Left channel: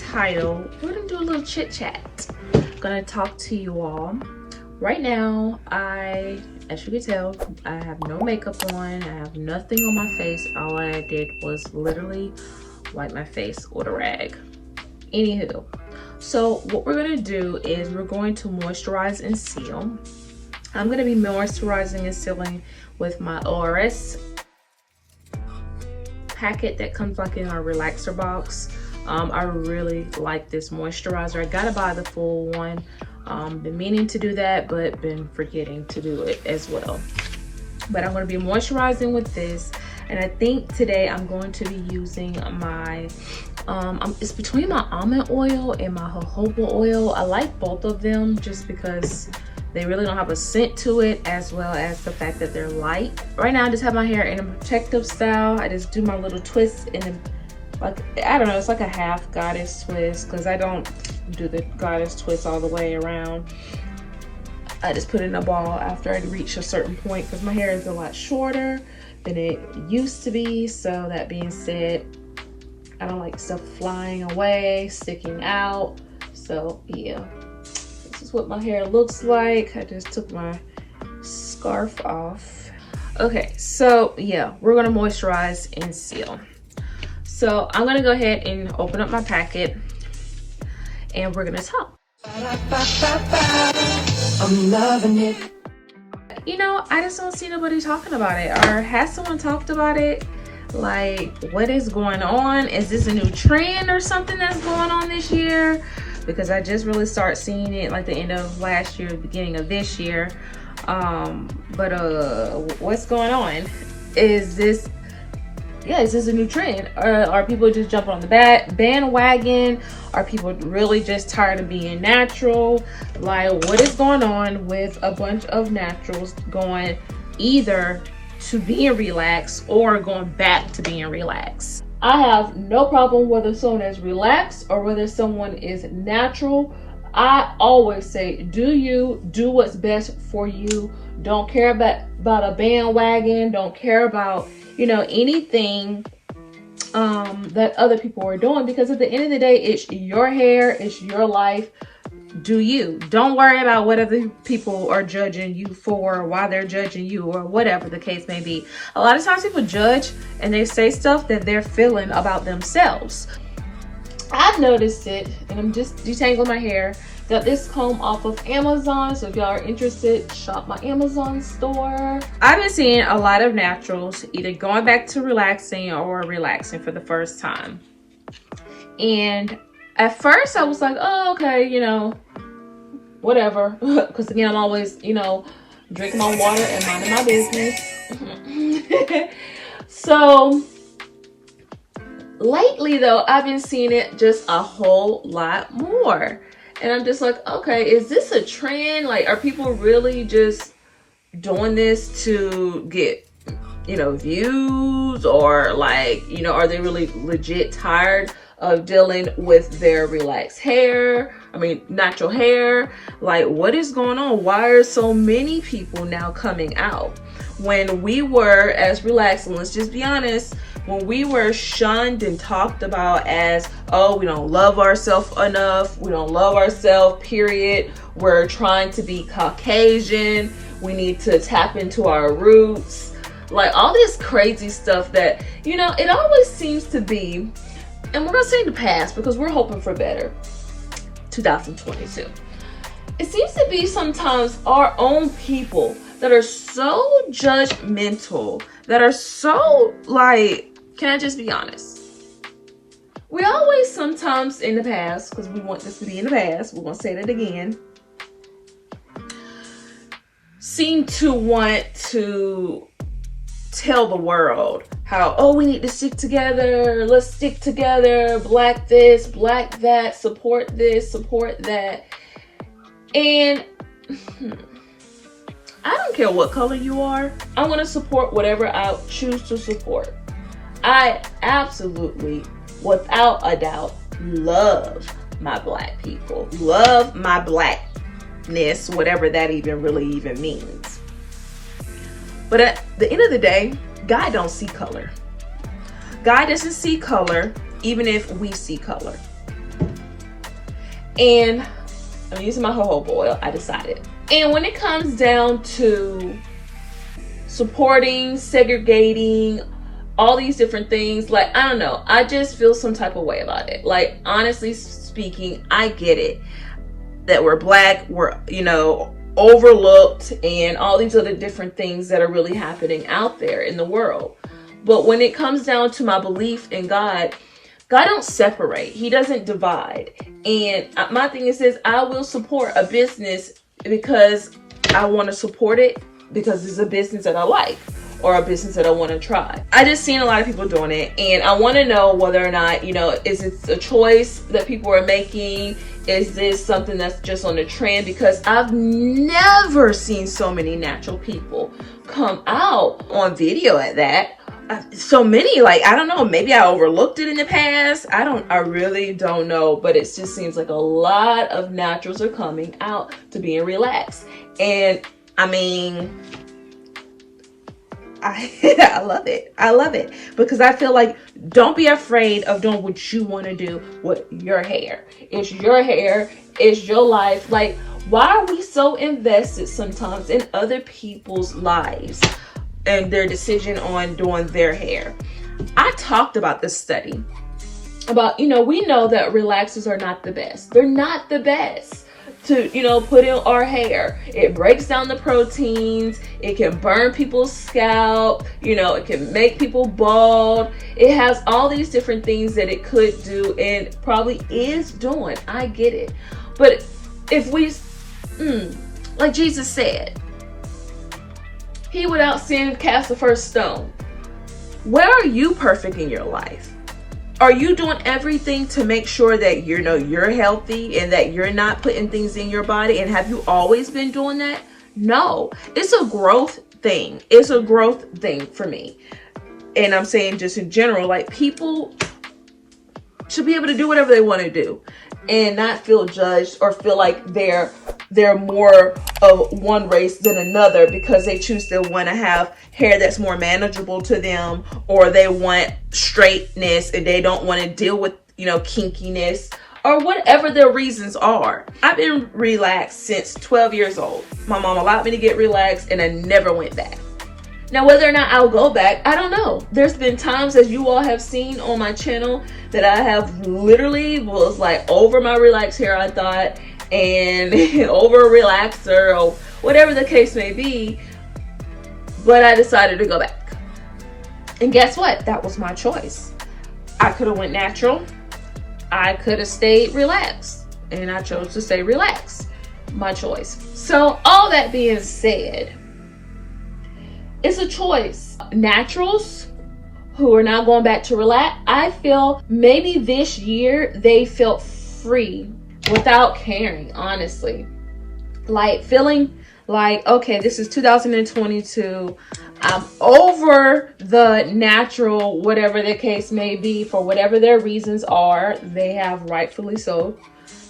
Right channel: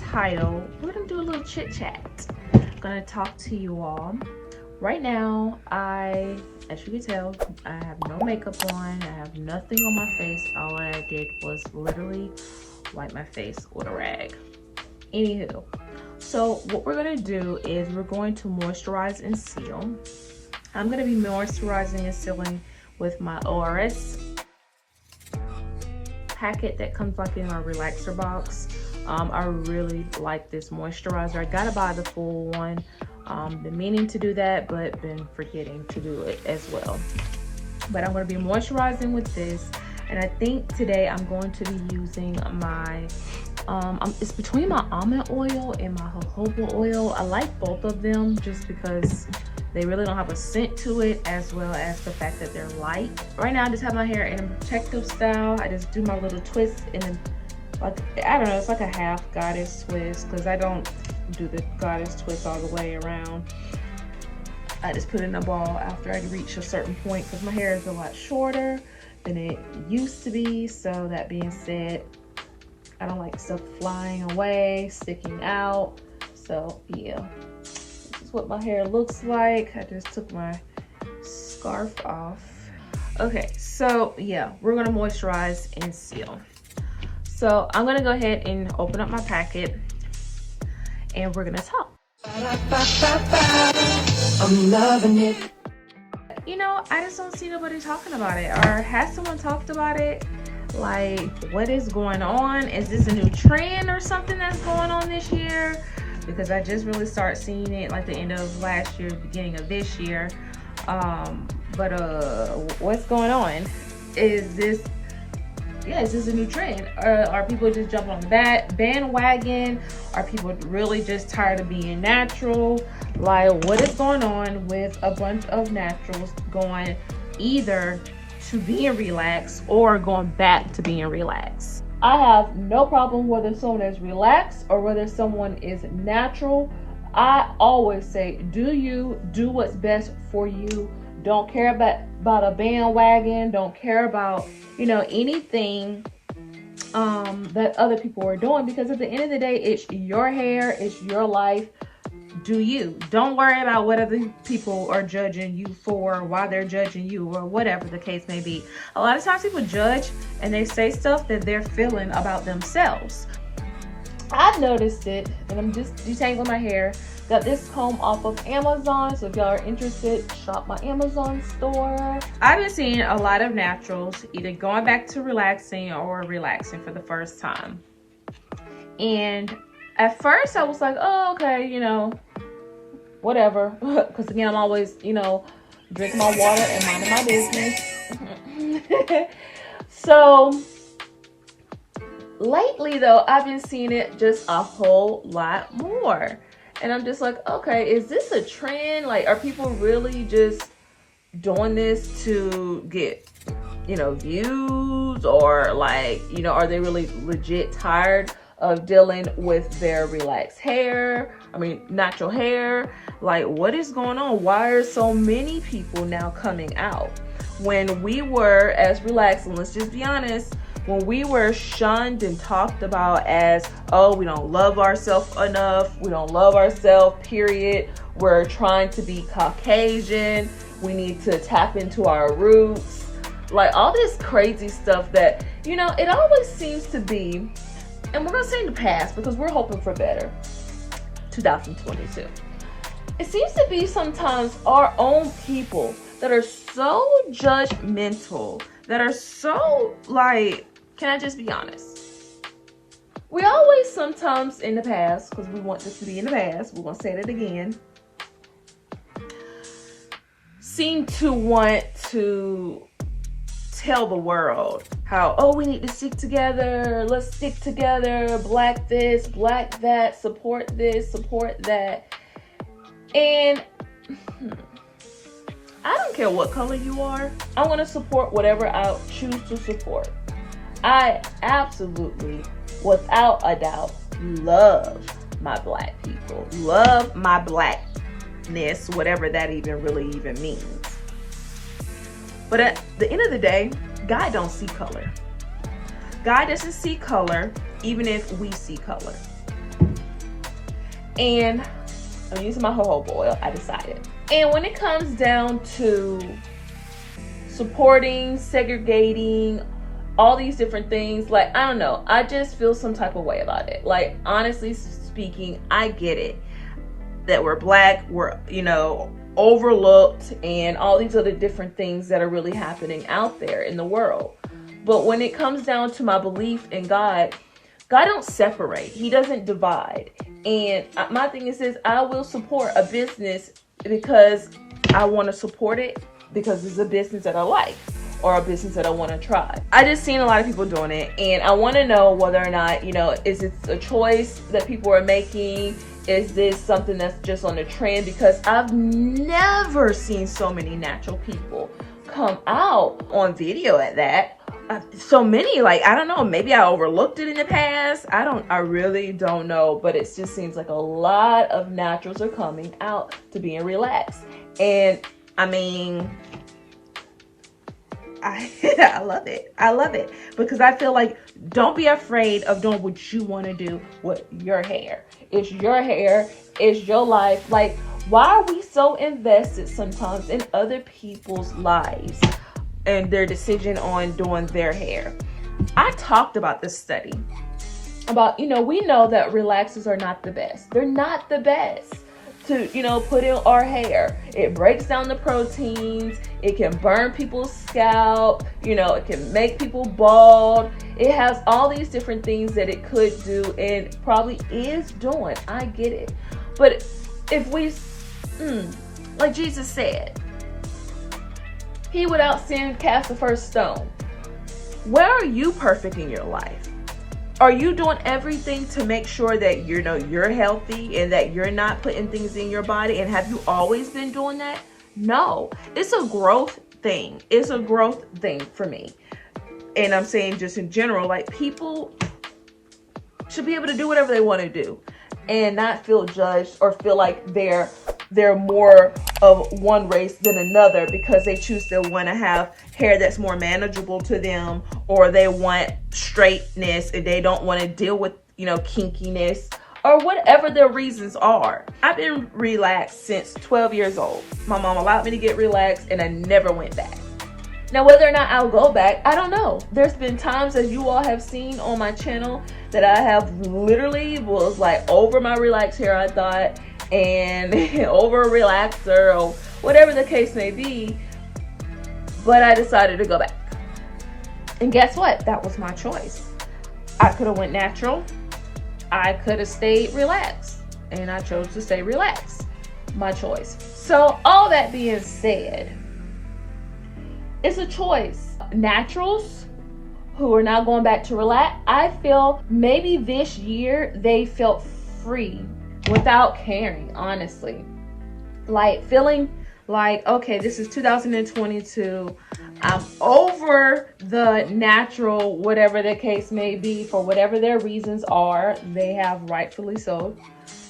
title, we're gonna do a little chit chat. I'm gonna talk to you all. Right now, as you can tell, I have no makeup on. I have nothing on my face. All I did was literally wipe my face with a rag. Anywho, so what we're gonna do is we're going to moisturize and seal. I'm gonna be moisturizing and sealing with my ORS packet that comes like in our relaxer box. I really like this moisturizer. I gotta buy the full one. Been meaning to do that, but been forgetting to do it as well. But I'm going to be moisturizing with this, and I think today I'm going to be using my it's between my almond oil and my jojoba oil. I like both of them just because they really don't have a scent to it, as well as the fact that they're light. Right now I just have my hair in a protective style. I just do my little twists in a, like, I don't know, it's like a half goddess twist, because I don't do the goddess twist all the way around. I just put it in a ball after I reach a certain point, because my hair is a lot shorter than it used to be. So that being said, I don't like stuff flying away, sticking out. So yeah, this is what my hair looks like. I just took my scarf off. Okay, so yeah, we're gonna moisturize and seal. So I'm gonna go ahead and open up my packet and we're gonna talk. I'm loving it. You know, I just don't see nobody talking about it. Or has someone talked about it? Like, what is going on? Is this a new trend or something that's going on this year? Because I just really start seeing it like the end of last year, beginning of this year. What's going on? Is this a new trend? Are people just jumping on the bandwagon? Are people really just tired of being natural? Like, what is going on with a bunch of naturals going either to being relaxed or going back to being relaxed? I have no problem whether someone is relaxed or whether someone is natural. I always say, do you, do what's best for you. Don't care about a bandwagon. Don't care about, you know, anything that other people are doing, because at the end of the day, it's your hair, it's your life. Do you. Don't worry about what other people are judging you for, why they're judging you, or whatever the case may be. A lot of times people judge and they say stuff that they're feeling about themselves. I've noticed it, and I'm just detangling my hair. Got this comb off of Amazon, so if y'all are interested, shop my Amazon store. I've been seeing a lot of naturals either going back to relaxing or relaxing for the first time. And at first I was like, oh, okay, you know, whatever. Because again, I'm always, you know, drinking my water and minding my business. So lately though, I've been seeing it just a whole lot more. And I'm just like, okay, is this a trend? Like, are people really just doing this to get, you know, views? Or like, you know, are they really legit tired of dealing with their relaxed hair? I mean, natural hair? Like, what is going on? Why are so many people now coming out? When we were as relaxed, and let's just be honest, when we were shunned and talked about as, oh, we don't love ourselves enough, we don't love ourselves, period, we're trying to be Caucasian, we need to tap into our roots, like all this crazy stuff that, you know, it always seems to be, and we're gonna say in the past because we're hoping for better, 2022. It seems to be sometimes our own people that are so judgmental, that are so like, can I just be honest? We always sometimes in the past, because we want this to be in the past, we're going to say that again, seem to want to tell the world how, oh, we need to stick together, let's stick together, black this, black that, support this, support that. And I don't care what color you are, I'm going to support whatever I choose to support. I absolutely, without a doubt, love my black people, love my blackness, whatever that really means. But at the end of the day, God don't see color. God doesn't see color, even if we see color. And I'm using my jojoba oil, I decided. And when it comes down to supporting, segregating, all these different things, like, I don't know, I just feel some type of way about it. Like, honestly speaking, I get it that we're Black, we're, you know, overlooked, and all these other different things that are really happening out there in the world. But when it comes down to my belief in God, God don't separate. He doesn't divide. And my thing is this: I will support a business because I want to support it because it's a business that I like, or a business that I want to try. I just seen a lot of people doing it, and I want to know whether or not, you know, is it a choice that people are making? Is this something that's just on the trend? Because I've never seen so many natural people come out on video at that. So many, like, I don't know, maybe I overlooked it in the past. I really don't know, but it just seems like a lot of naturals are coming out to being relaxed. And I mean, I love it. I love it because I feel like, don't be afraid of doing what you want to do with your hair. It's your hair. It's your life. Like, why are we so invested sometimes in other people's lives and their decision on doing their hair? I talked about this study about, you know, we know that relaxers are not the best. They're not the best to, you know, put in our hair. It breaks down the proteins. It can burn people's scalp. You know, it can make people bald. It has all these different things that it could do and probably is doing. I get it. But if we, like Jesus said, he without sin cast the first stone. Where are you perfect in your life? Are you doing everything to make sure that you're healthy and that you're not putting things in your body? And have you always been doing that? No, it's a growth thing. It's a growth thing for me. And I'm saying just in general, like, people should be able to do whatever they want to do and not feel judged or feel like they're more of one race than another because they choose to want to have hair that's more manageable to them, or they want straightness and they don't want to deal with, you know, kinkiness, or whatever their reasons are. I've been relaxed since 12 years old. My mom allowed me to get relaxed and I never went back. Now, whether or not I'll go back, I don't know. There's been times, as you all have seen on my channel, that I have literally was like over my relaxed hair, I thought, and over a relaxer or whatever the case may be, but I decided to go back. And guess what? That was my choice. I could have went natural. I could have stayed relaxed, and I chose to stay relaxed. My choice. So all that being said, it's a choice. Naturals who are now going back to relax, I feel maybe this year they felt free without caring, honestly. Like, feeling like, okay, this is 2022. I'm over the natural, whatever the case may be, for whatever their reasons are. They have rightfully so.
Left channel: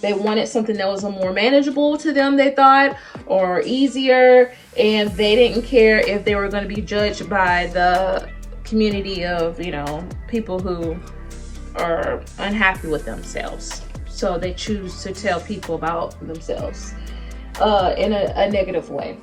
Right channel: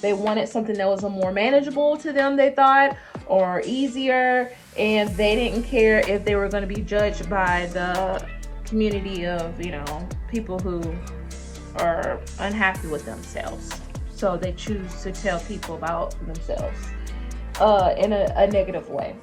They wanted something that was more manageable to them, they thought, or easier, and they didn't care if they were going to be judged by the community of, you know, people who are unhappy with themselves. So they choose to tell people about themselves in a negative way.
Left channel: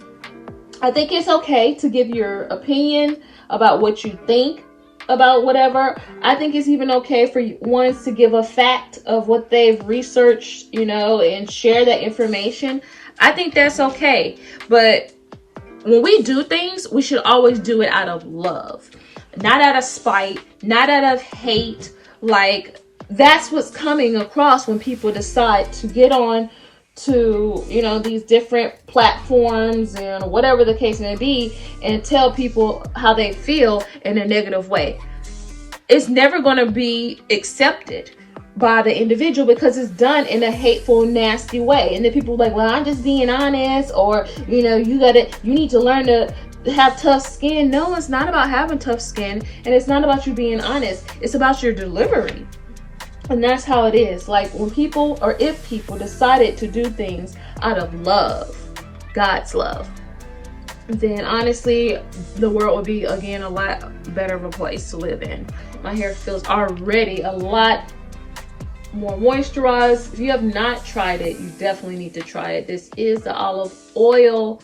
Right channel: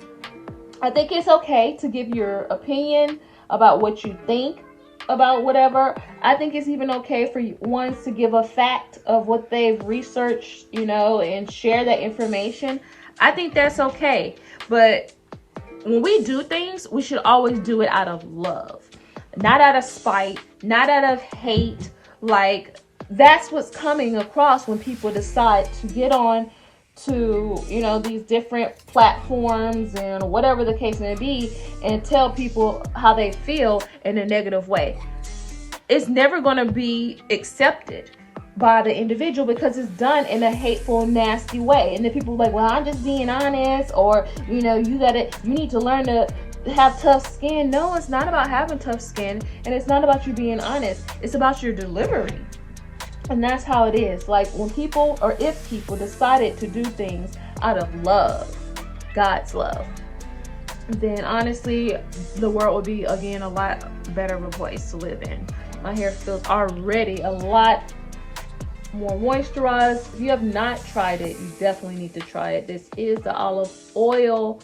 I think it's okay to give your opinion about what you think about whatever. I think it's even okay for ones to give a fact of what they've researched, you know, and share that information. I think that's okay. But when we do things, we should always do it out of love, not out of spite, not out of hate. Like, that's what's coming across when people decide to get on to, you know, these different platforms and whatever the case may be, and tell people how they feel in a negative way. It's never going to be accepted by the individual because it's done in a hateful, nasty way. And then people are like, well, I'm just being honest, or, you know, you need to learn to have tough skin. No, it's not about having tough skin, and it's not about you being honest. It's about your delivery. And that's how it is. Like, when people, or if people decided to do things out of love, God's love, then honestly, the world would be, again, a lot better of a place to live in. My hair feels already a lot more moisturized. If you have not tried it, you definitely need to try it. This is the olive oil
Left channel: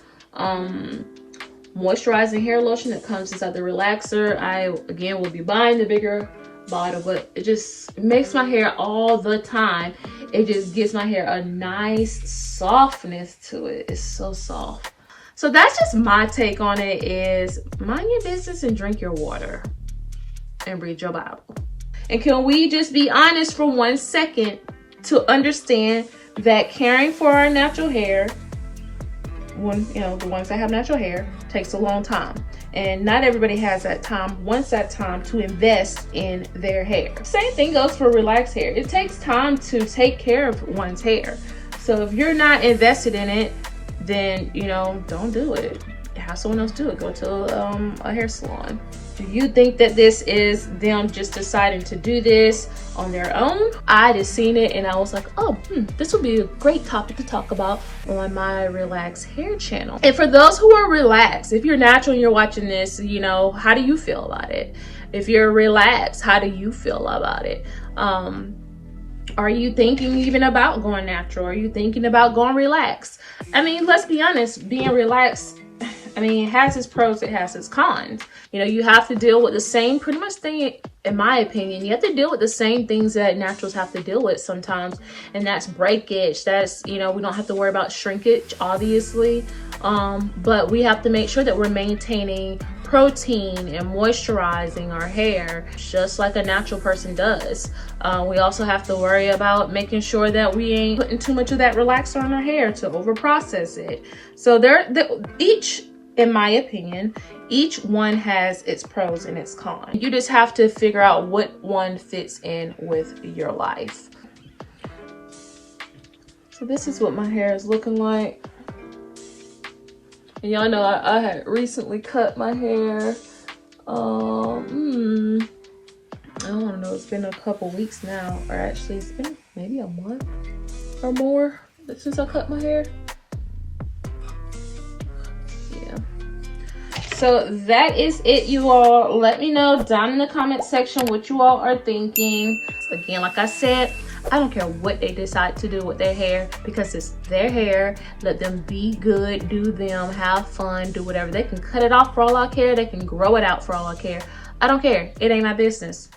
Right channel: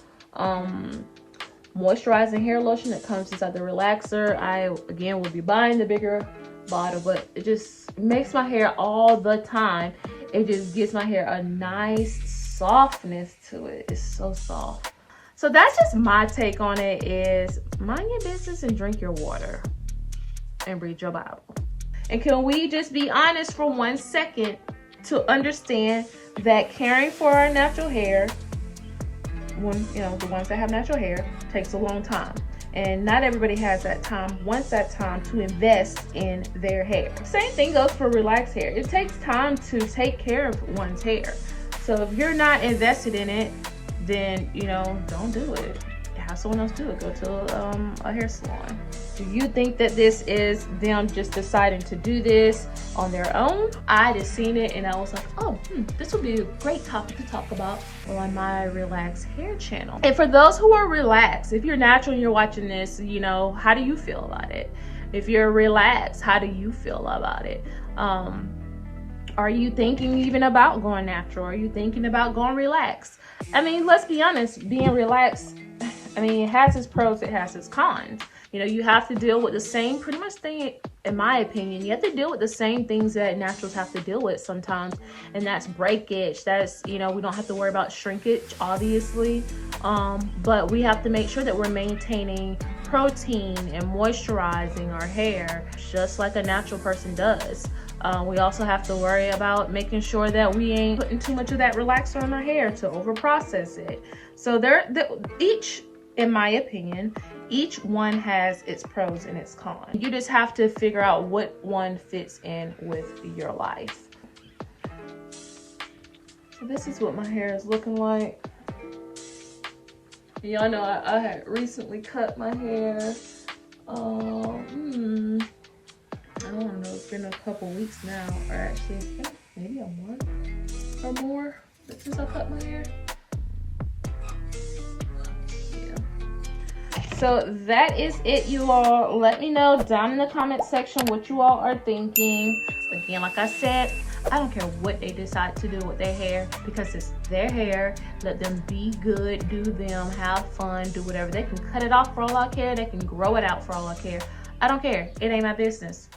moisturizing hair lotion that comes inside the relaxer. I again will be buying the bigger bottle, but it just makes my hair all the time. It just gives my hair a nice softness to it. It's so soft. So that's just my take on it, is mind your business and drink your water and read your Bible. And can we just be honest for 1 second to understand that caring for our natural hair, when you know, the ones that have natural hair, takes a long time, and not everybody has that time, wants that time to invest in their hair. Same thing goes for relaxed hair. It takes time to take care of one's hair. So if you're not invested in it, then you know, don't do it. Have someone else do it. Go to a hair salon. Do you think that this is them just deciding to do this on their own? I just seen it and I was like, oh, this would be a great topic to talk about on my relaxed hair channel. And for those who are relaxed, if you're natural and you're watching this, you know, how do you feel about it? If you're relaxed, how do you feel about it? Are you thinking even about going natural? Are you thinking about going relaxed? I mean, let's be honest, being relaxed, I mean, it has its pros, it has its cons. You know, you have to deal with the same pretty much thing, in my opinion. You have to deal with the same things that naturals have to deal with sometimes. And that's breakage. That's, you know, we don't have to worry about shrinkage, obviously. But we have to make sure that we're maintaining protein and moisturizing our hair just like a natural person does. We also have to worry about making sure that we ain't putting too much of that relaxer on our hair to over process it. So each, in my opinion, each one has its pros and its cons. You just have to figure out what one fits in with your life. So this is what my hair is looking like. And y'all know I had recently cut my hair. I don't know, it's been a couple weeks now, or actually it's been maybe a month or more since I cut my hair. Yeah. So that is it, you all. Let me know down in the comment section what you all are thinking. Again, like I said, I don't care what they decide to do with their hair, because it's their hair. Let them be good, do them, have fun, do whatever. They can cut it off for all I care. They can grow it out for all I care. I don't care. It ain't my business.